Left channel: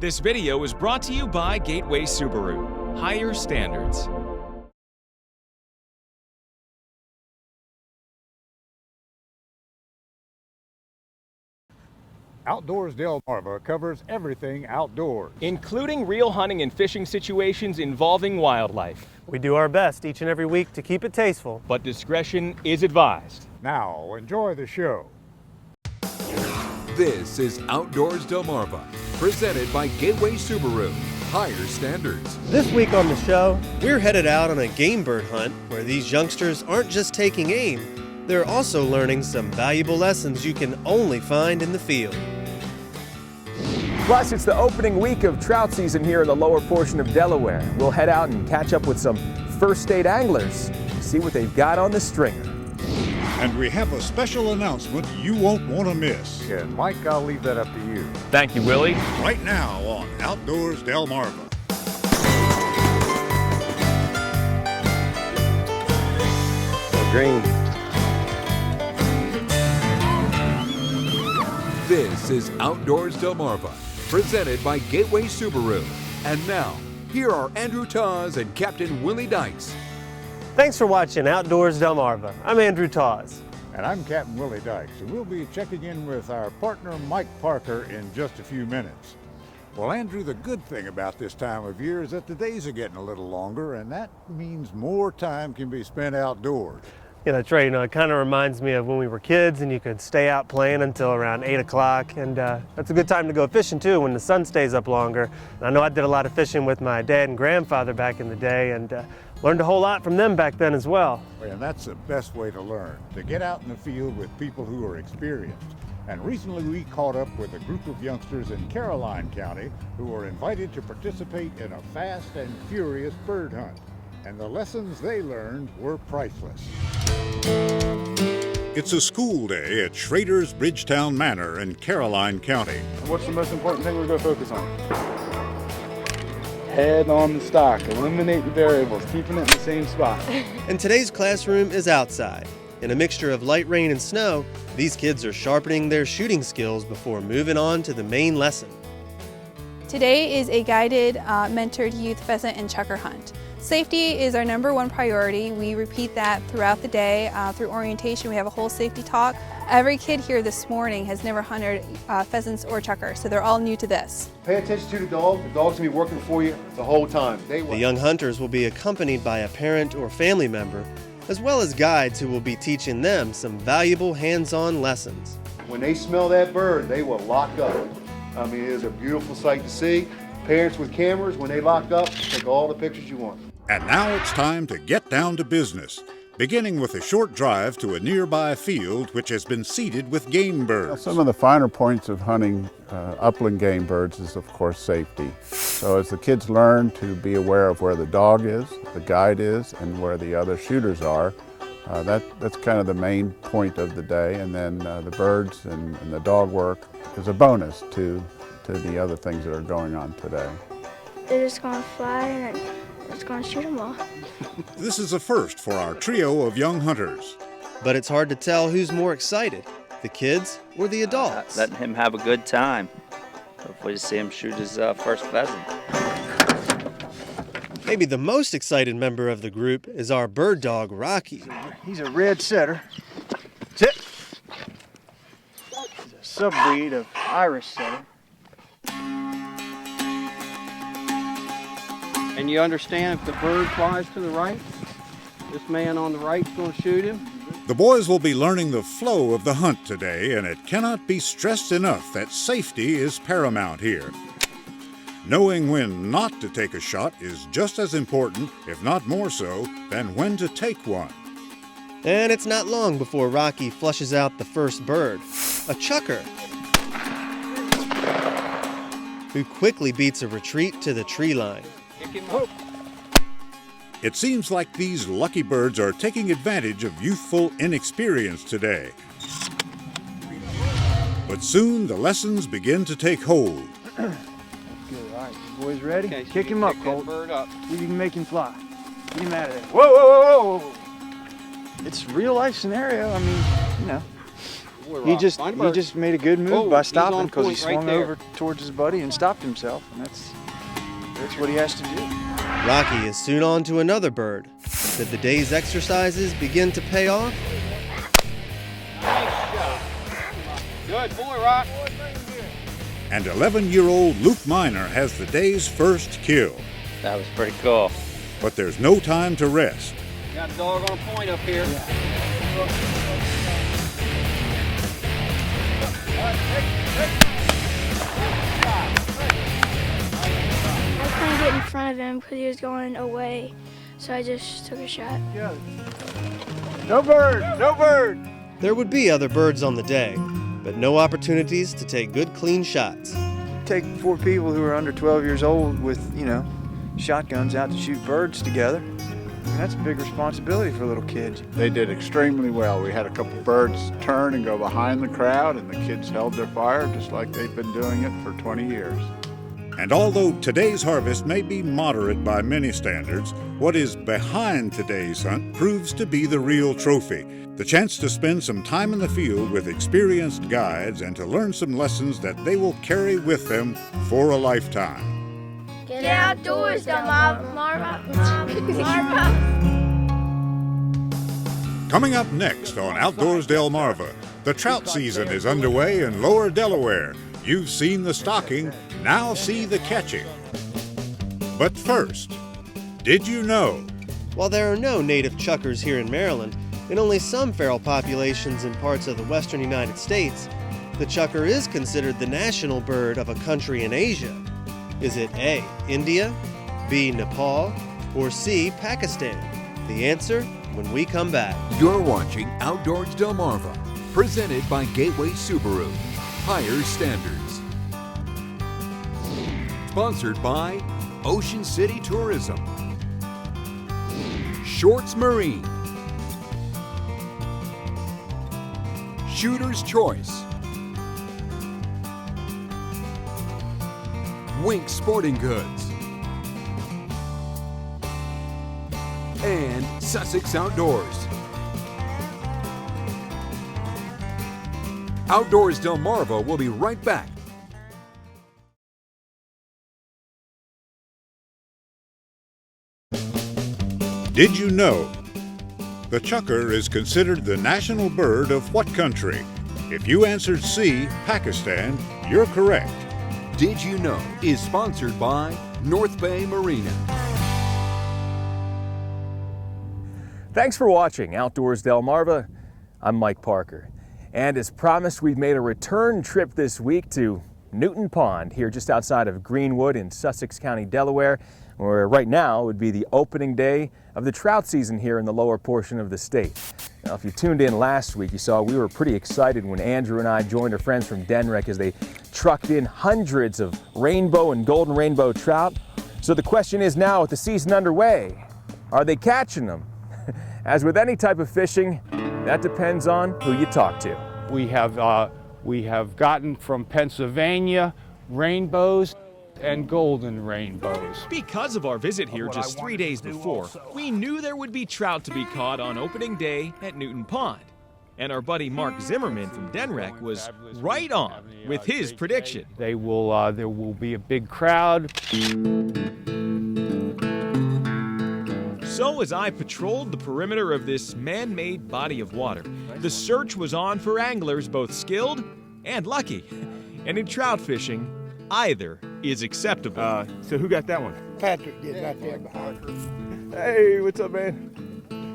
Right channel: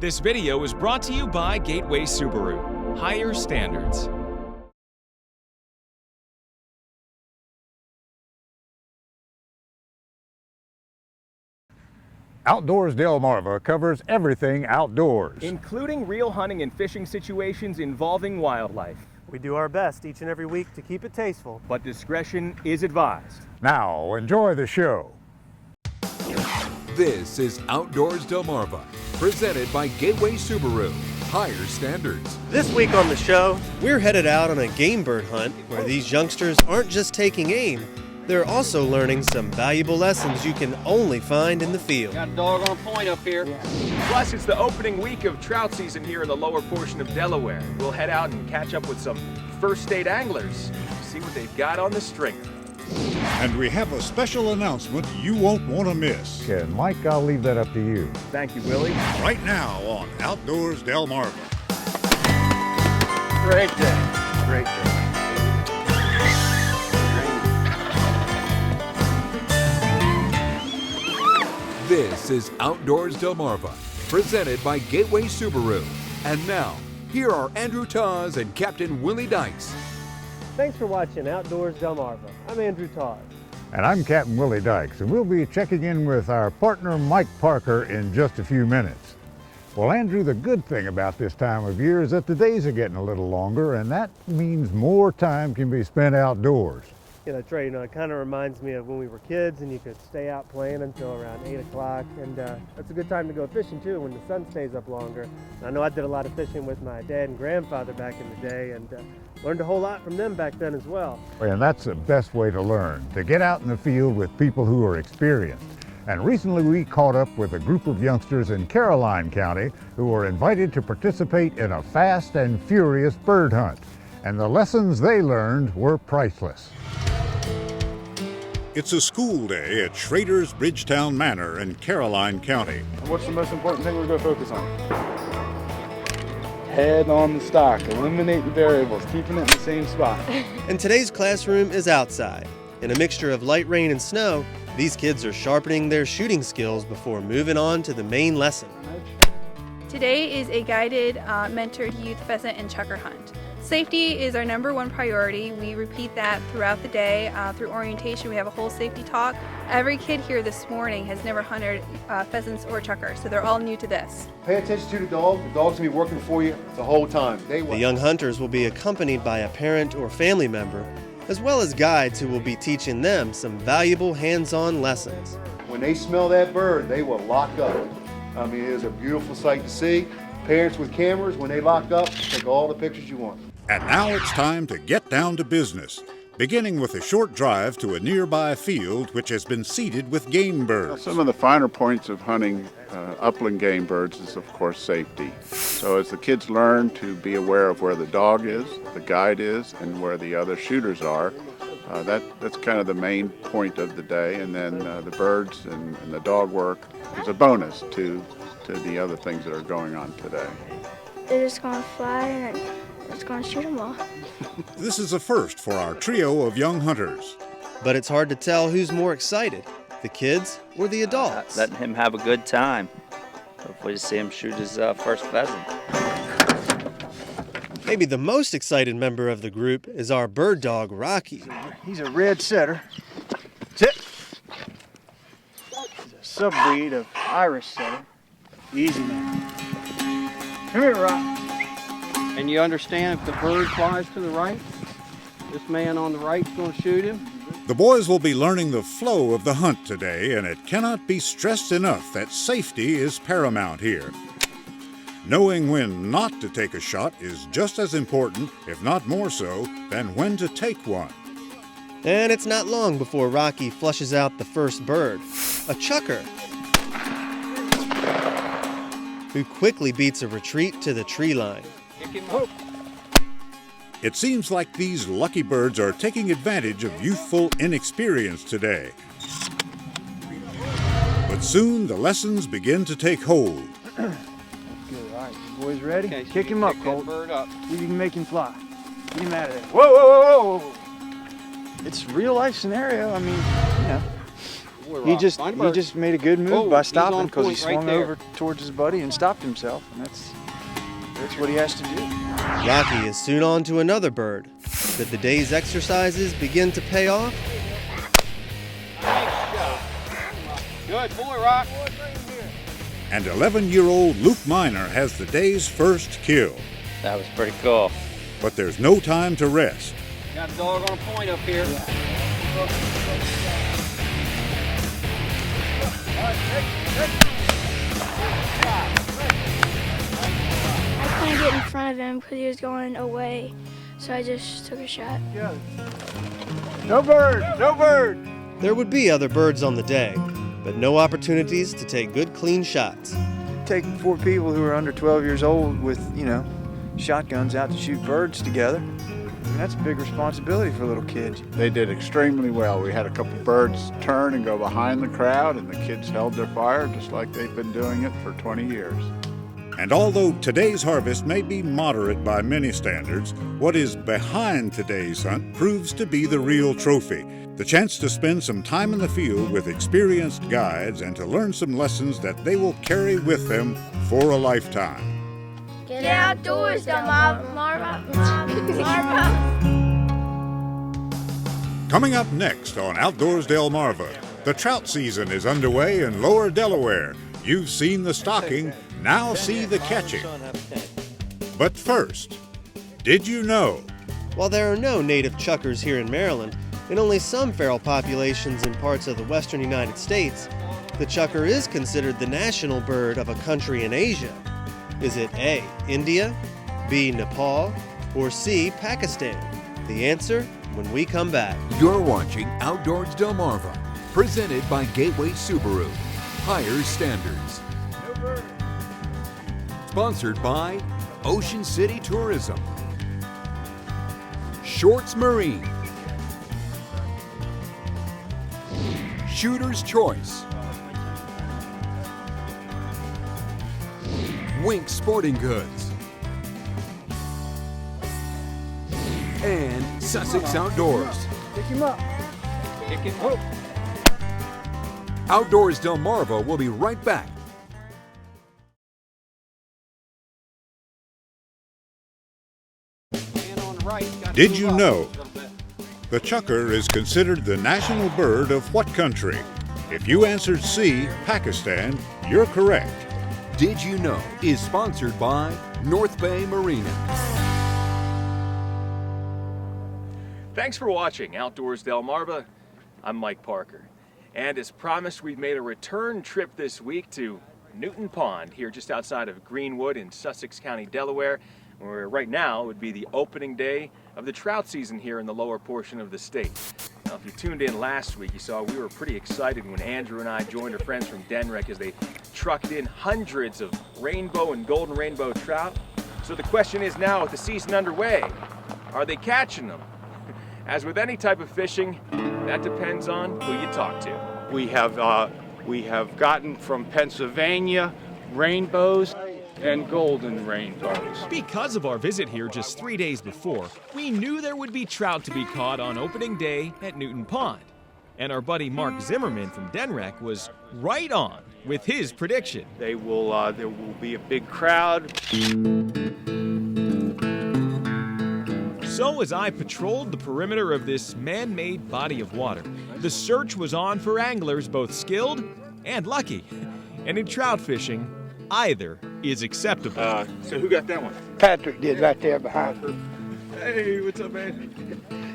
This video is brought to you by Gateway Subaru. Higher standards. Outdoors Delmarva covers everything outdoors, Including real hunting and fishing situations involving wildlife. We do our best each and every week to keep it tasteful. But discretion is advised. Now, enjoy the show. This is Outdoors Delmarva, presented by Gateway Subaru. Higher standards. This week on the show, we're headed out on a game bird hunt where these youngsters aren't just taking aim, they're also learning some valuable lessons you can only find in the field. Got a dog on point up here. Plus, it's the opening week of trout season here in the lower portion of Delaware. We'll head out and catch up with some first state anglers, see what they've got on the string. And we have a special announcement you won't want to miss. And Mike, I'll leave that up to you. Thank you, Willie. Right now on Outdoors Delmarva. Great day. Great day. This is Outdoors Delmarva, presented by Gateway Subaru. And now, here are Andrew Taz and Captain Willie Dykes. Thanks for watching Outdoors Delmarva. I'm Andrew Taz. And I'm Captain Willie Dykes, and we'll be checking in with our partner Mike Parker in just a few minutes. Well, Andrew, the good thing about this time of year is that the days are getting a little longer, and that means more time can be spent outdoors. Yeah, that's right. You know, it kind of reminds me of when we were kids and you could stay out playing until around 8 o'clock. And that's a good time to go fishing too when the sun stays up longer. And I know I did a lot of fishing with my dad and grandfather back in the day and learned a whole lot from them back then as well. And that's the best way to learn, to get out in the field with people who are experienced. And recently we caught up with a group of youngsters in Caroline County who were invited to participate in a fast and furious bird hunt. And the lessons they learned were priceless. It's a school day at Schrader's Bridgetown Manor in Caroline County. What's the most important thing we're going to focus on? Head on the stock, eliminating variables, keeping it in the same spot. And today's classroom is outside. In a mixture of light rain and snow, these kids are sharpening their shooting skills before moving on to the main lesson. Today is a guided, mentored youth pheasant and chukar hunt. Safety is our #1 priority. We repeat that throughout the day. Through orientation, we have a whole safety talk. Every kid here this morning has never hunted pheasants or chukars, so they're all new to this. Pay attention to the dog. The dog's gonna be working for you the whole time. The young hunters will be accompanied by a parent or family member, as well as guides who will be teaching them some valuable hands-on lessons. When they smell that bird, they will lock up. I mean, it is a beautiful sight to see. Parents with cameras, when they lock up, take all the pictures you want. And now it's time to get down to business, beginning with a short drive to a nearby field which has been seeded with game birds. Some of the finer points of hunting upland game birds is, of course, safety. So as the kids learn to be aware of where the dog is, the guide is, and where the other shooters are, that's kind of the main point of the day. And then the birds and the dog work is a bonus to the other things that are going on today. They're just going to fly and it's going to shoot them all. This is a first for our trio of young hunters. But it's hard to tell who's more excited, the kids or the adults. Letting him have a good time. Hopefully to see him shoot his first pheasant. Maybe the most excited member of the group is our bird dog, Rocky. He's a red setter. Sit. He's a sub-breed of Irish setter. Easy. Come here, Rocky. And you understand if the bird flies to the right, this man on the right is going to shoot him? The boys will be learning the flow of the hunt today, and it cannot be stressed enough that safety is paramount here. Knowing when not to take a shot is just as important, if not more so, than when to take one. And it's not long before Rocky flushes out the first bird, a chukar, who quickly beats a retreat to the tree line. It seems like these lucky birds are taking advantage of youthful inexperience today. But soon the lessons begin to take hold. Good, all right. You boys ready? Okay, kick him up, Colt. Bird up. See if you can make him fly. Get him out of there. Whoa, whoa, whoa, whoa. It's a real life scenario. I mean, you know. He just made a good move by stopping because he swung over towards his buddy and stopped himself, and that's what he has to do. Rocky is soon on to another bird. Did the day's exercises begin to pay off? Nice shot. Good boy, Rock. And 11-year-old Luke Miner has the day's first kill. That was pretty cool. But there's no time to rest. Got a dog on a point up here. I couldn't get in front of him because he was going away, so I just took a shot. No bird! No bird! There would be other birds on the day, but no opportunities to take good, clean shots. Take 4 people who are under 12 years old with, shotguns out to shoot birds together. I mean, that's a big responsibility for little kids. They did extremely well. We had a couple birds turn and go behind the crowd, and the kids held their fire just like they've been doing it for 20 years. And although today's harvest may be moderate by many standards, what is behind today's hunt proves to be the real trophy. The chance to spend some time in the field with experienced guides and to learn some lessons that they will carry with them for a lifetime. Get outdoors, Delmarva. Coming up next on Outdoors Delmarva, the trout season is underway in lower Delaware. You've seen the stocking, now see the catching. But first, did you know? While there are no native chukars here in Maryland, and only some feral populations in parts of the western United States, the chukar is considered the national bird of a country in Asia. Is it A, India, B, Nepal, or C, Pakistan? The answer when we come back. You're watching Outdoors Delmarva, presented by Gateway Subaru. Higher standards. Sponsored by Ocean City Tourism, Shorts Marine, Shooter's Choice, Wink Sporting Goods, and Sussex Outdoors. Outdoors Delmarva will be right back. Did you know? The chukar is considered the national bird of what country? If you answered C, Pakistan, you're correct. Did You Know is sponsored by North Bay Marina. Thanks for watching Outdoors Delmarva. I'm Mike Parker. And as promised, we've made a return trip this week to Newton Pond, here just outside of Greenwood in Sussex County, Delaware, where right now would be the opening day of the trout season here in the lower portion of the state. Now, if you tuned in last week, you saw we were pretty excited when Andrew and I joined our friends from Denrec as they trucked in hundreds of rainbow and golden rainbow trout. So the question is now, with the season underway, are they catching them? As with any type of fishing, that depends on who you talk to. We have gotten from Pennsylvania rainbows and golden rainbows. Because of our visit here just 3 days before, we knew there would be trout to be caught on opening day at Newton Pond. And our buddy Mark Zimmerman from Denrec was right on with his prediction. There will be a big crowd. So as I patrolled the perimeter of this man-made body of water, the search was on for anglers both skilled and lucky. And in trout fishing, either is acceptable. So who got that one? Patrick did right there behind her. Hey, what's up, man?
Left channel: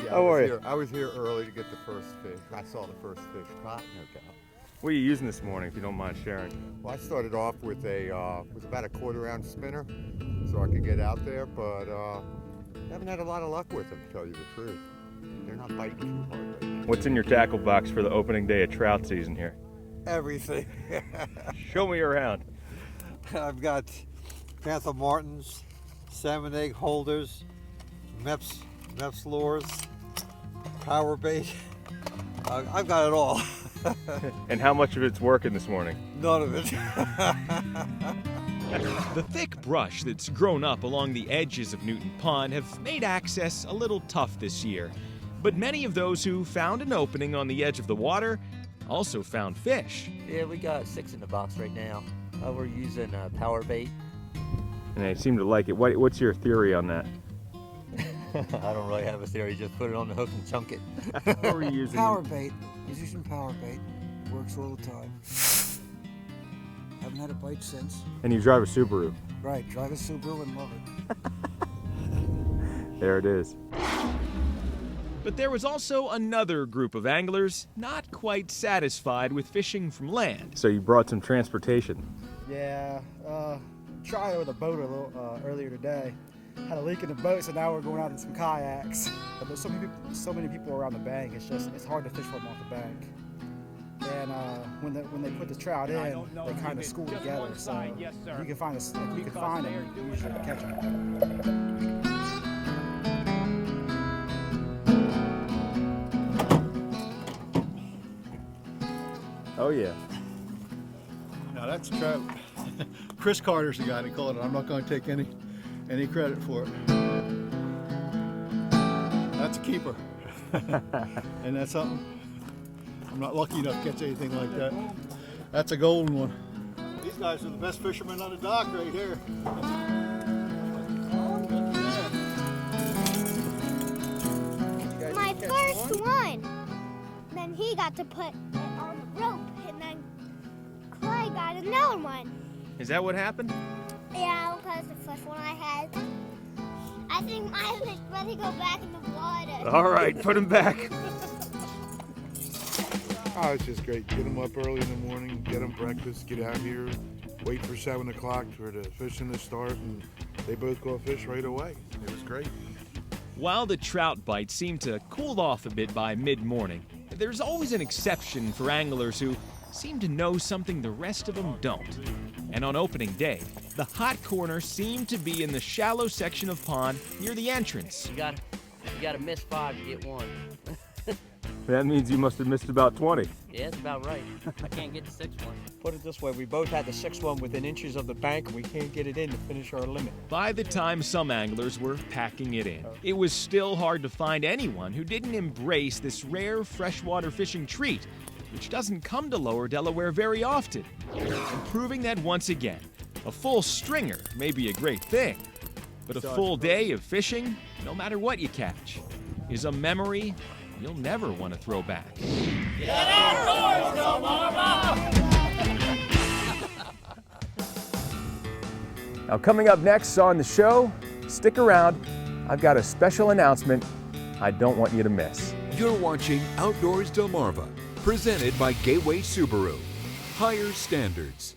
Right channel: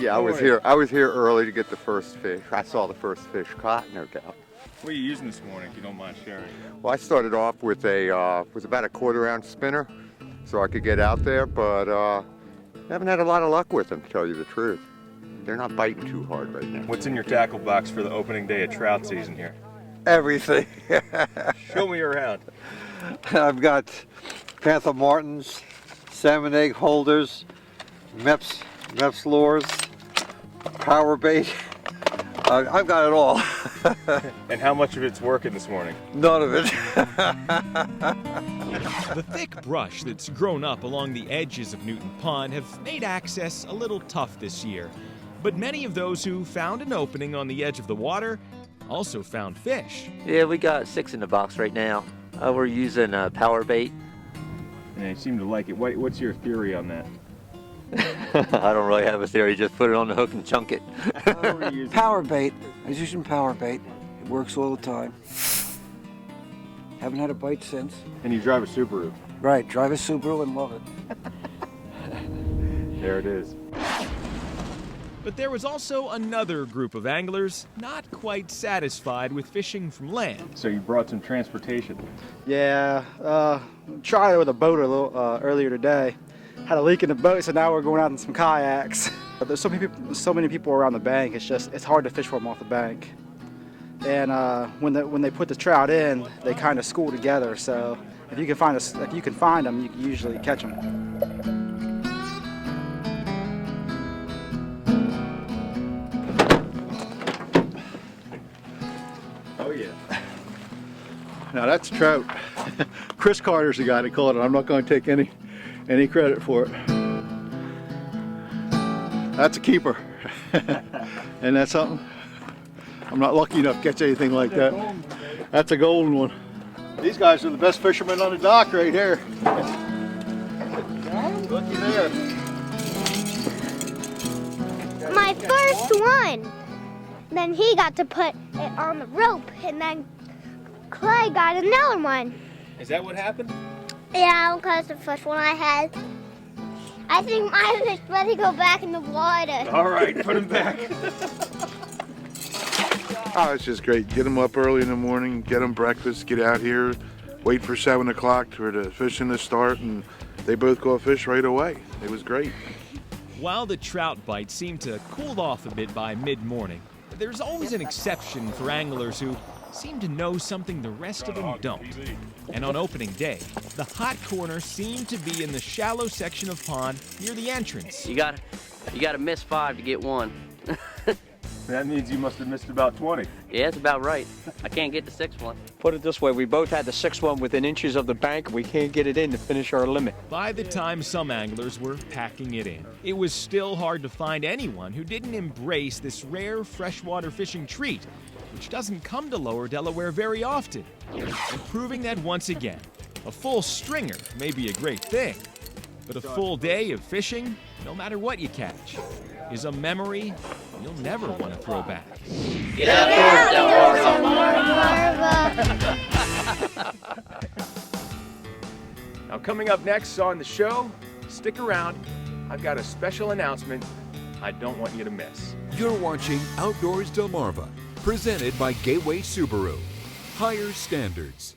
Yeah, I was here early to get the first fish. I saw the first fish caught, no doubt. What are you using this morning, if you don't mind sharing? Well, I started off with was about a 1/4 ounce spinner, so I could get out there, but haven't had a lot of luck with them, to tell you the truth. They're not biting too hard right now. What's in your tackle box for the opening day of trout season here? Everything. Show me around. I've got Panther Martins, salmon egg holders, Meps lures, power bait. I've got it all. And how much of it's working this morning? None of it. The thick brush that's grown up along the edges of Newton Pond have made access a little tough this year. But many of those who found an opening on the edge of the water also found fish. Yeah, we got 6 in the box right now. We're using power bait. And I seem to like it. What's your theory on that? I don't really have a theory, just put it on the hook and chunk it. Power bait. I was using power bait. It works all the time. Haven't had a bite since. And you drive a Subaru. Right, drive a Subaru and love it. There it is. But there was also another group of anglers not quite satisfied with fishing from land. So you brought some transportation. Yeah, tried it with a boat a little earlier today. Had a leak in the boat, so now we're going out in some kayaks. But there's so many people around the bank. It's hard to fish for them off the bank. And when they put the trout in, they kind of school together. So if you can find them, you can usually catch them. Oh yeah. Now that's trout. Chris Carter's the guy that caught it. I'm not going to take any credit for it. That's a keeper. And that's something. I'm not lucky enough to catch anything like that. That's a golden one. These guys are the best fishermen on the dock right here. Looky there. My first one. Then he got to put it on the rope, and then Clay got another one. Is that what happened? Yeah, because the first one I had. I think mine was ready to go back in the water. All right, put him back. Oh, it's just great. Get them up early in the morning, get them breakfast, get out here, wait for 7 o'clock for the fishing to start, and they both go fish right away. It was great. While the trout bite seemed to cool off a bit by mid-morning, there's always an exception for anglers who seem to know something the rest of them don't. And on opening day, the hot corner seemed to be in the shallow section of pond near the entrance. You gotta miss 5 to get 1. That means you must have missed about 20. Yeah, that's about right. I can't get the 6th one. Put it this way, we both had the 6th one within inches of the bank. We can't get it in to finish our limit. By the time some anglers were packing it in, it was still hard to find anyone who didn't embrace this rare freshwater fishing treat, which doesn't come to Lower Delaware very often. And proving that once again, a full stringer may be a great thing, but a full day of fishing, no matter what you catch, is a memory you'll never want to throw back. Get out Now coming up next on the show, stick around. I've got a special announcement I don't want you to miss. You're watching Outdoors Delmarva, presented by Gateway Subaru. Higher standards.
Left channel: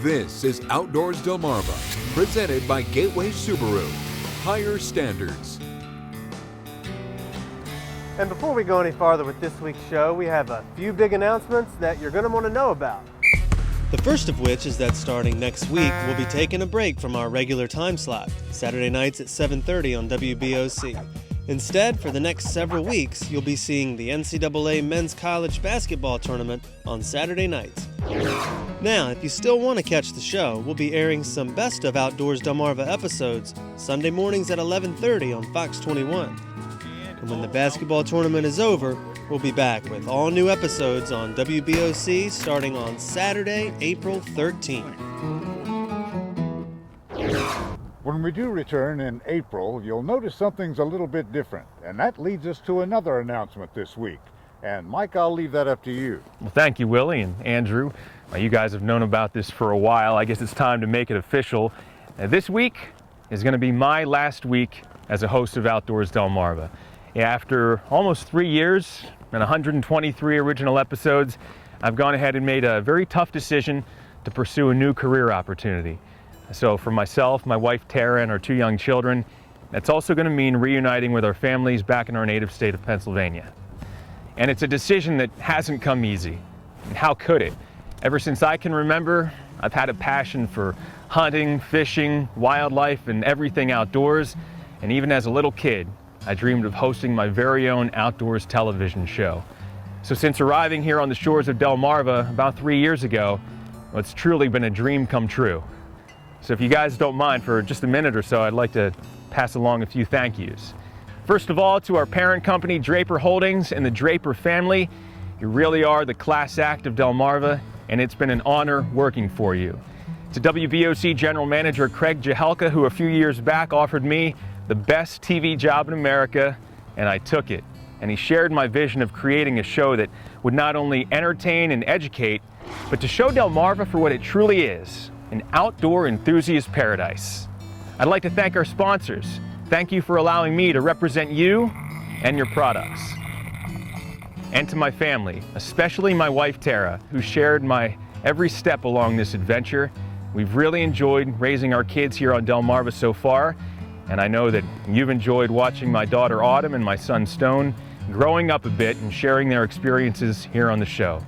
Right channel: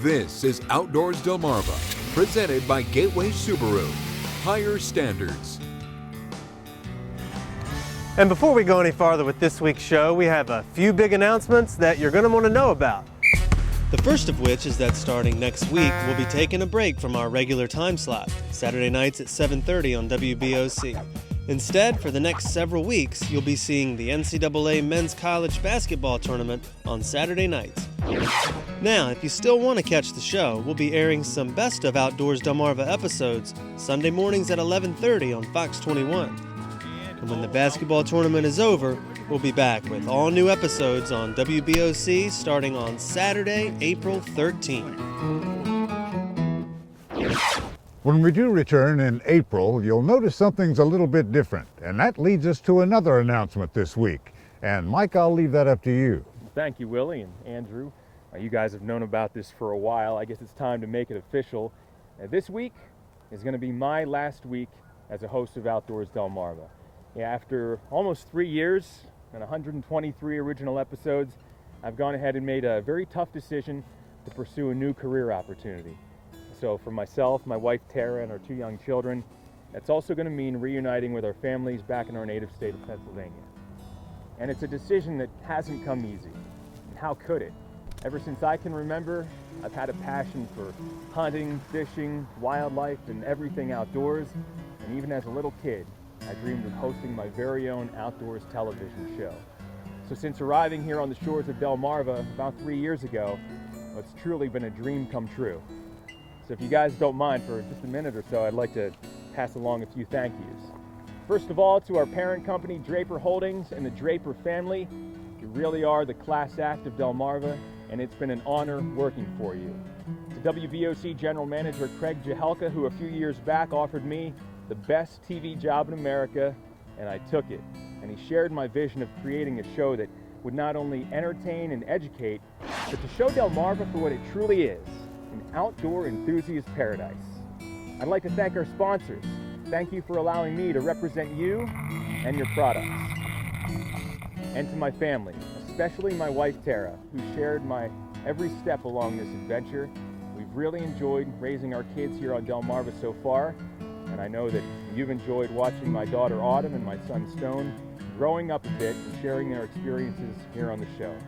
This is Outdoors Delmarva, presented by Gateway Subaru. Higher standards. And before we go any farther with this week's show, we have a few big announcements that you're going to want to know about. The first of which is that starting next week, we'll be taking a break from our regular time slot, Saturday nights at 7:30 on WBOC. Instead, for the next several weeks, you'll be seeing the NCAA Men's College Basketball Tournament on Saturday nights. Now, if you still want to catch the show, we'll be airing some Best of Outdoors Delmarva episodes Sunday mornings at 11:30 on Fox 21. And when the basketball tournament is over, we'll be back with all new episodes on WBOC starting on Saturday, April 13th. When we do return in April, you'll notice something's a little bit different, and that leads us to another announcement this week. And Mike, I'll leave that up to you. Well, thank you, Willie and Andrew. You guys have known about this for a while. I guess it's time to make it official. This week is going to be my last week as a host of Outdoors Delmarva. After almost 3 years and 123 original episodes, I've gone ahead and made a very tough decision to pursue a new career opportunity. So for myself, my wife Tara, and our 2 young children, that's also going to mean reuniting with our families back in our native state of Pennsylvania. And it's a decision that hasn't come easy. And how could it? Ever since I can remember, I've had a passion for hunting, fishing, wildlife, and everything outdoors. And even as a little kid, I dreamed of hosting my very own outdoors television show. So since arriving here on the shores of Delmarva about 3 years ago, well, it's truly been a dream come true. So if you guys don't mind, for just a minute or so, I'd like to pass along a few thank yous. First of all, to our parent company, Draper Holdings, and the Draper family, you really are the class act of Delmarva, and it's been an honor working for you. To WBOC General Manager Craig Jahelka, who a few years back offered me the best TV job in America, and I took it. And he shared my vision of creating a show that would not only entertain and educate, but to show Delmarva for what it truly is, an outdoor enthusiast paradise. I'd like to thank our sponsors. Thank you for allowing me to represent you and your products. And to my family, especially my wife Tara, who shared my every step along this adventure. We've really enjoyed raising our kids here on Delmarva so far, and I know that you've enjoyed watching my daughter Autumn and my son Stone growing up a bit and sharing their experiences here on the show.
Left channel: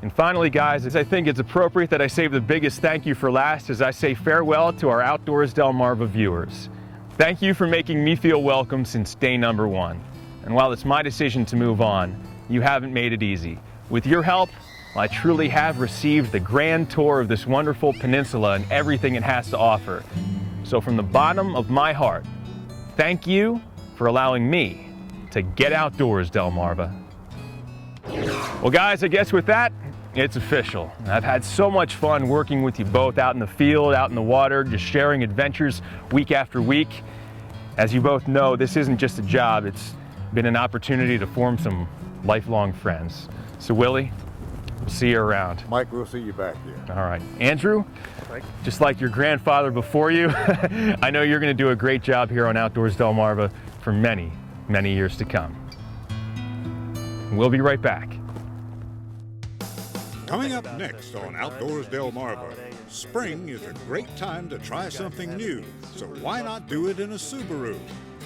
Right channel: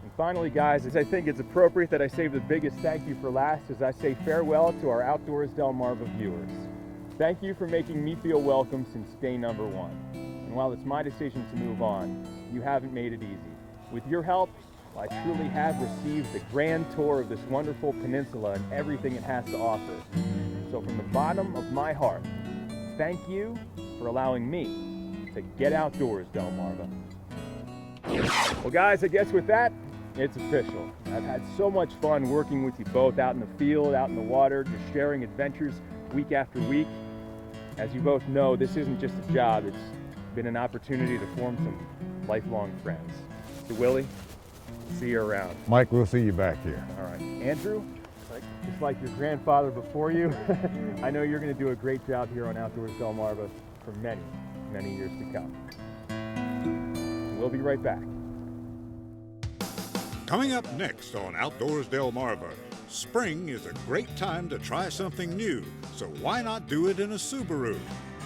And finally, guys, I think it's appropriate that I save the biggest thank you for last as I say farewell to our Outdoors Delmarva viewers. Thank you for making me feel welcome since day number one. And while it's my decision to move on, you haven't made it easy. With your help, I truly have received the grand tour of this wonderful peninsula and everything it has to offer. So from the bottom of my heart, thank you for allowing me to get outdoors, Delmarva. Well, guys, I guess with that, it's official. I've had so much fun working with you both out in the field, out in the water, just sharing adventures week after week. As you both know, this isn't just a job, it's been an opportunity to form some lifelong friends. So Willie, we'll see you around. Mike, we'll see you back here. All right. Andrew, just like your grandfather before you, I know you're going to do a great job here on Outdoors Delmarva for many, many years to come. We'll be right back. Coming up next on Outdoors Delmarva, spring is a great time to try something new, so why not do it in a Subaru?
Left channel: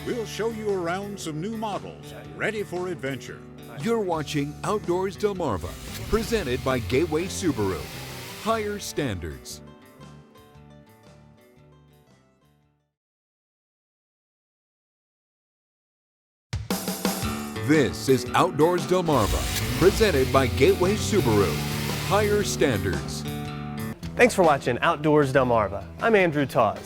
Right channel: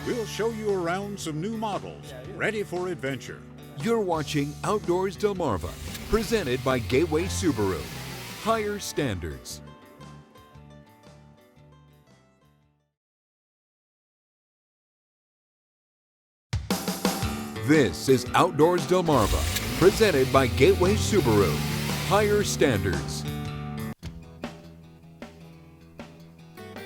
We'll show you around some new models, ready for adventure. You're watching Outdoors Delmarva, presented by Gateway Subaru. Higher standards. This is Outdoors Delmarva, presented by Gateway Subaru. Higher standards. Thanks for watching Outdoors Delmarva. I'm Andrew Tawes.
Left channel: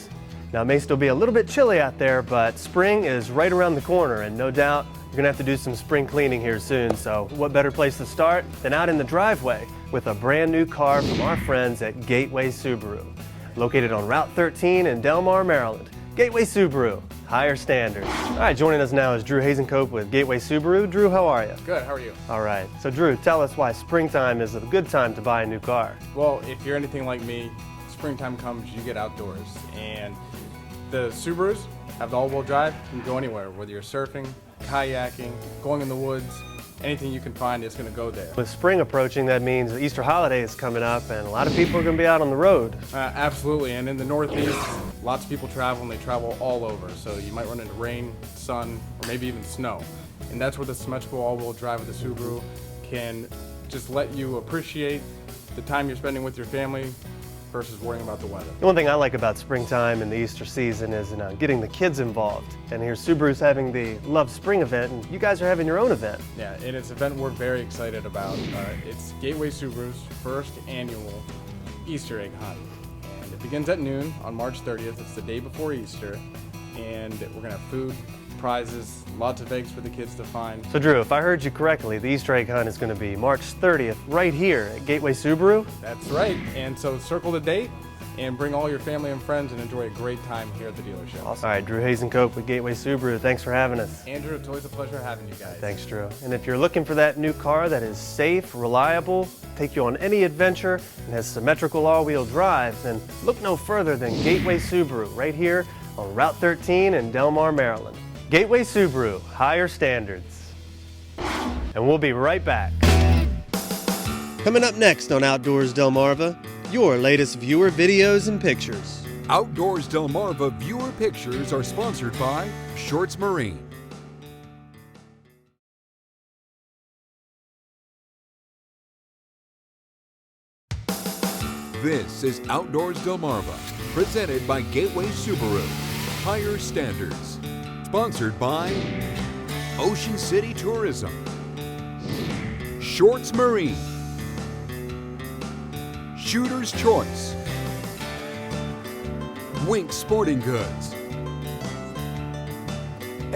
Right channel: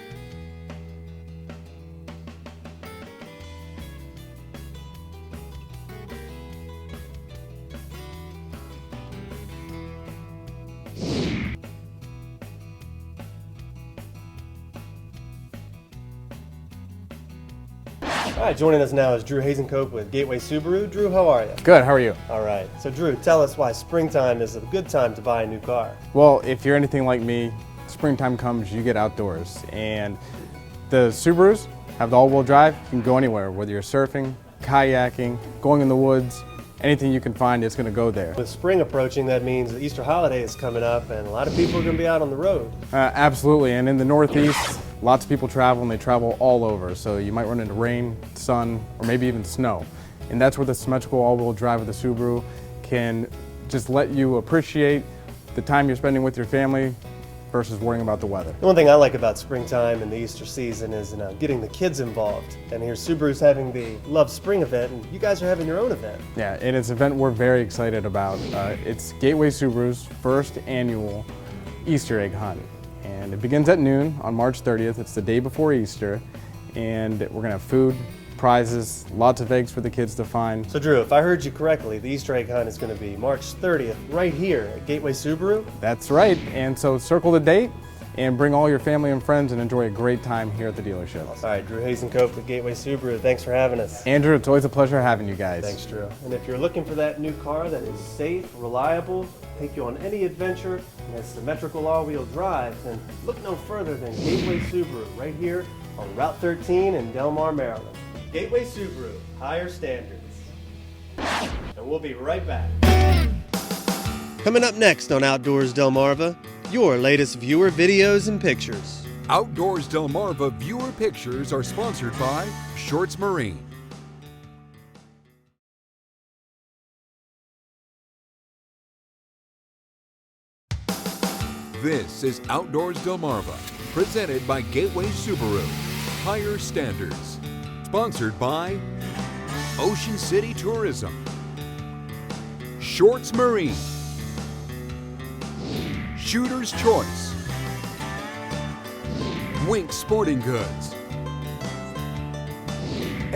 Now, it may still be a little bit chilly out there, but spring is right around the corner, and no doubt you're gonna have to do some spring cleaning here soon. So what better place to start than out in the driveway with a brand new car from our friends at Gateway Subaru. Located on Route 13 in Delmar, Maryland. Gateway Subaru, higher standards. All right, joining us now is Drew Hazencope with Gateway Subaru. Drew, how are you? Good, how are you? All right, so Drew, tell us why springtime is a good time to buy a new car. Well, if you're anything like me, springtime comes, you get outdoors. And the Subarus have the all-wheel drive. You can go anywhere, whether you're surfing, kayaking, going in the woods, anything you can find is going to go there. With spring approaching, that means the Easter holiday is coming up and a lot of people are going to be out on the road. Absolutely, and in the Northeast, lots of people travel and they travel all over. So you might run into rain, sun, or maybe even snow. And that's where the symmetrical all-wheel drive of the Subaru can just let you appreciate the time you're spending with your family versus worrying about the weather. One thing I like about springtime and the Easter season is getting the kids involved. And here Subaru's having the Love Spring event, and you guys are having your own event. Yeah, and it's an event we're very excited about. It's Gateway Subaru's first annual Easter egg hunt. And it begins at noon on March 30th. It's the day before Easter. And we're gonna have food, prizes, lots of eggs for the kids to find. So Drew, if I heard you correctly, the Easter egg hunt is going to be March 30th right here at Gateway Subaru? That's right, and so circle the date and bring all your family and friends and enjoy a great time here at the dealership. Awesome. All right, Drew Hazencope with Gateway Subaru, thanks for having us. Andrew, it's always a pleasure having you guys. Thanks, Drew. And if you're looking for that new car that is safe, reliable, take you on any adventure, and has symmetrical all-wheel drive, then look no further than Gateway Subaru right here on Route 13 in Delmar, Maryland. Gateway Subaru, higher standards. And we'll be right back. Coming up next on Outdoors Delmarva, your latest viewer videos and pictures. Outdoors Delmarva viewer pictures are sponsored by Shorts Marine. This is Outdoors Delmarva, presented by Gateway Subaru. Higher standards. Sponsored by Ocean City Tourism, Shorts Marine, Shooter's Choice, Wink Sporting Goods,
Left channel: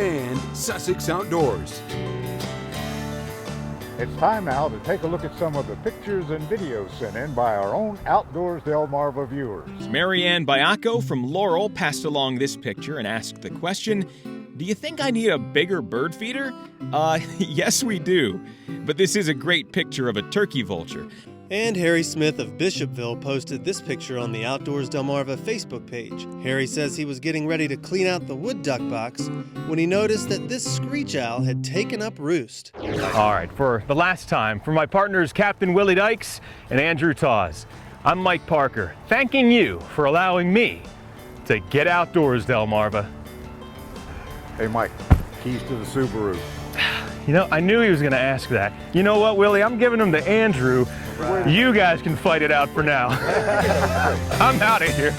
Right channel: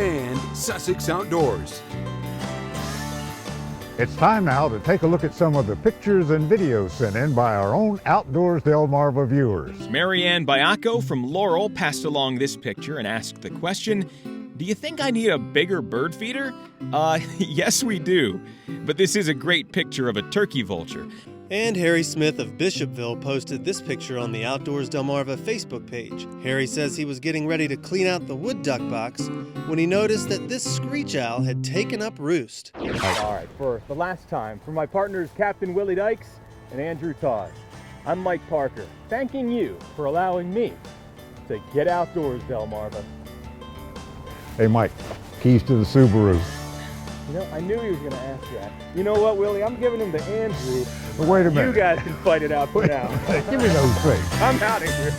and Sussex Outdoors. It's time now to take a look at some of the pictures and videos sent in by our own Outdoors Delmarva viewers. Marianne Biaco from Laurel passed along this picture and asked the question, do you think I need a bigger bird feeder? Yes we do. But this is a great picture of a turkey vulture. And Harry Smith of Bishopville posted this picture on the Outdoors Delmarva Facebook page. Harry says he was getting ready to clean out the wood duck box when he noticed that this screech owl had taken up roost. All right, for the last time, for my partners Captain Willie Dykes and Andrew Tawes, I'm Mike Parker, thanking you for allowing me to get outdoors, Delmarva. Hey Mike, keys to the Subaru. You know, I knew he was going to ask that. You know what, Willie? I'm giving them to Andrew. You guys can fight it out for now. I'm out of here.